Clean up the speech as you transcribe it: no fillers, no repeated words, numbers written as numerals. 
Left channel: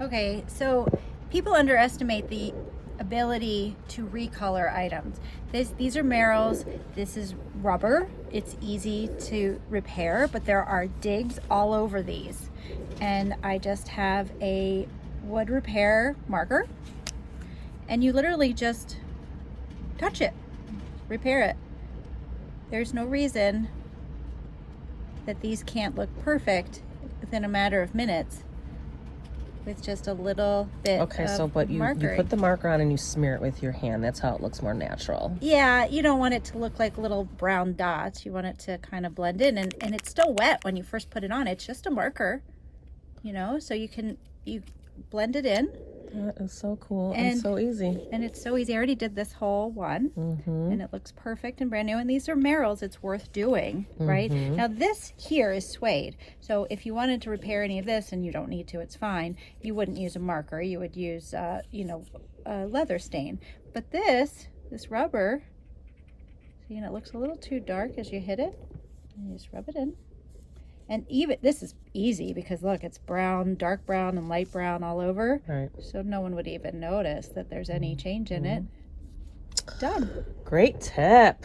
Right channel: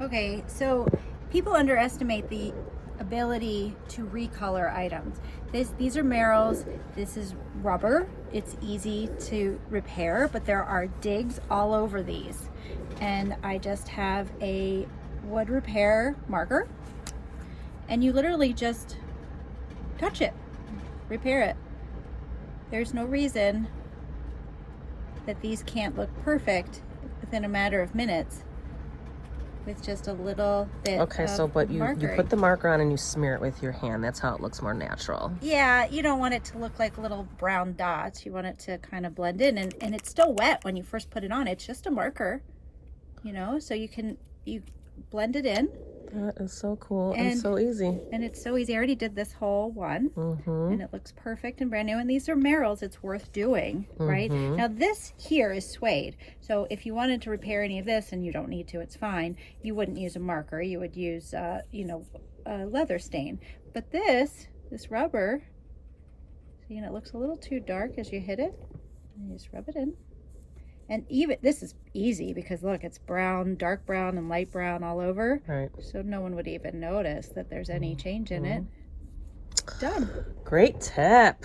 Okay, so people underestimate the ability to recolor items. These are Merrells. This is rubber. It's easy to repair, but there are digs all over these. And I just have a wood repair marker, and you literally just touch it, repair it. There's no reason that these can't look perfect within a matter of minutes with just a little bit Okay, of so but you marker. put the marker on and you smear it with your hand. That's how it looks more natural. Yeah, you don't want it to look like little brown dots. You want it to kind of blend in, and it's still wet when you first put it on. It's just a marker, you know, so you blend it in. That is so cool and so easy. And it's so easy. I already did this whole one, and it looks perfect and brand new. And these are Merrells. It's worth doing, right? Now this here is suede. So if you wanted to repair any of this, and you don't need to, it's fine. You wouldn't use a marker. You would use, you know, a leather stain. But this rubber, see, and it looks a little too dark as you hit it. And you just rub it in. And even, this is easy because look, it's brown, dark brown and light brown all over. Right. So no one would even notice that there's any change in it. Done. Great tip.